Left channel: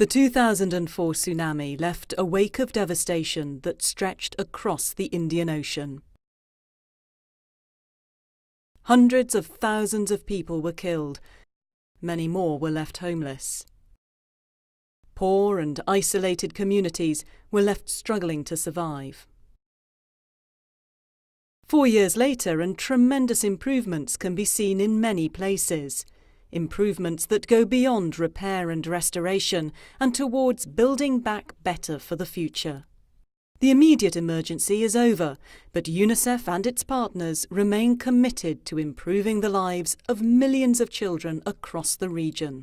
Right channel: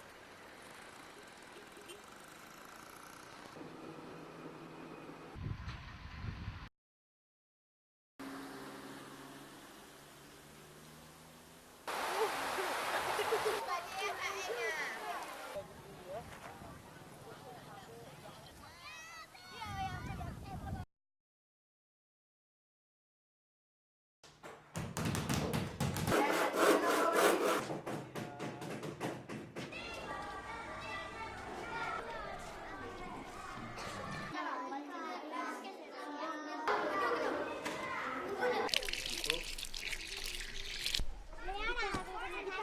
The 2004 tsunami left a wake of devastation that stretched across the Indian Ocean. Hundreds of thousands of people were killed. Many more were left homeless. Poor and isolated communities were left struggling to survive. 4 years later, and tremendous improvements can be seen in many places. Improvements that go beyond repair and restoration and towards building back better for the future. The immediate emergency is over, but UNICEF and its partners remain committed to improving the lives of millions of children across the region.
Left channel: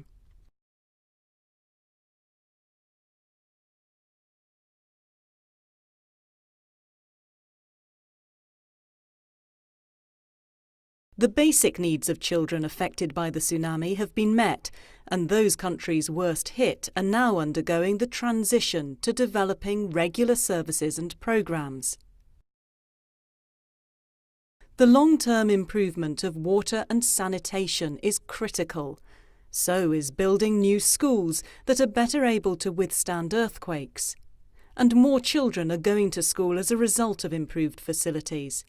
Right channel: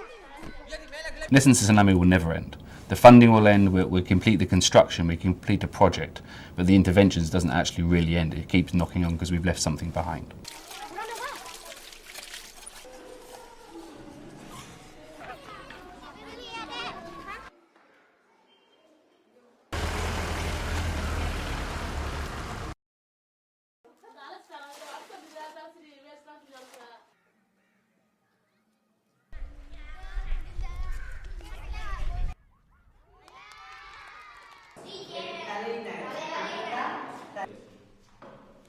In essence, the tsunami will never end. The funding will end, we'll complete the construction, we complete a project, but the interventions doesn't actually really end. It keeps knocking on because we've left something behind. The basic needs of children affected by the tsunami have been met, and those countries worst hit are now undergoing the transition to developing regular services and programmes. The long-term improvement of water and sanitation is critical. So is building new schools that are better able to withstand earthquakes. And more children are going to school as a result of improved facilities.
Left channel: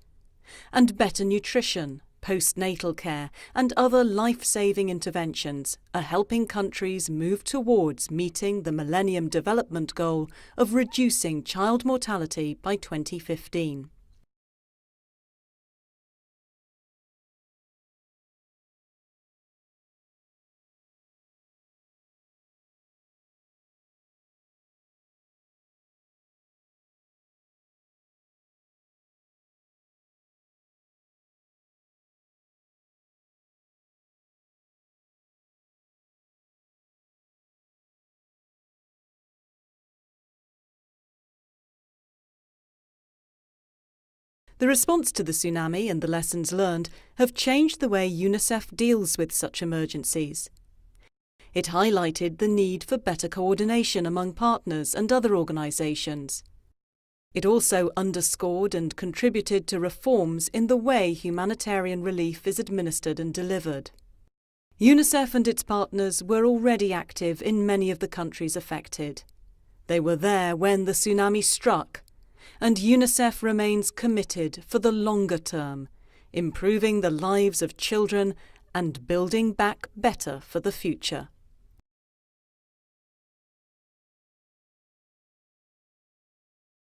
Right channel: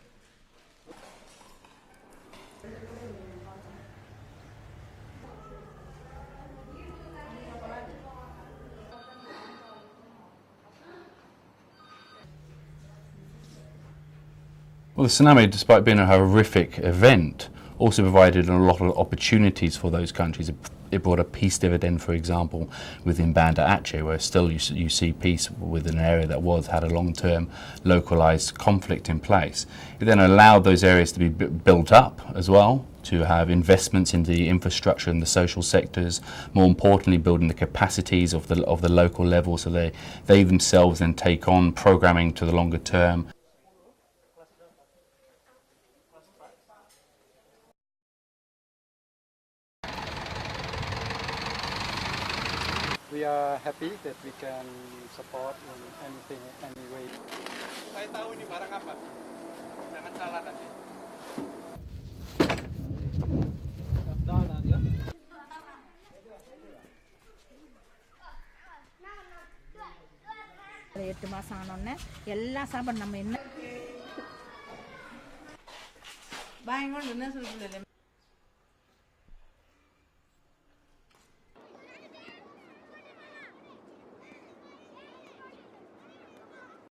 And better nutrition, postnatal care and other life-saving interventions are helping countries move towards meeting the Millennium Development Goal of reducing child mortality by 2015. Well, the tsunami, despite being a horrific event, also provided a lot of opportunities for those countries. It brought a peace dividend, for example, within Banda Aceh, where still you see peace within an area that had a long-term localised conflict in place. It then allowed those areas to be built up as well, to have investments in the infrastructure and the social sectors, more importantly building the capacities of the local level so they themselves then take on programming to the longer term. The response to the tsunami and the lessons learned have changed the way UNICEF deals with such emergencies. It highlighted the need for better coordination among partners and other organisations. It also underscored and contributed to reforms in the way humanitarian relief is administered and delivered. UNICEF and its partners were already active in many of the countries affected. They were there when the tsunami struck, and UNICEF remains committed for the longer term, improving the lives of children and building back better for the future.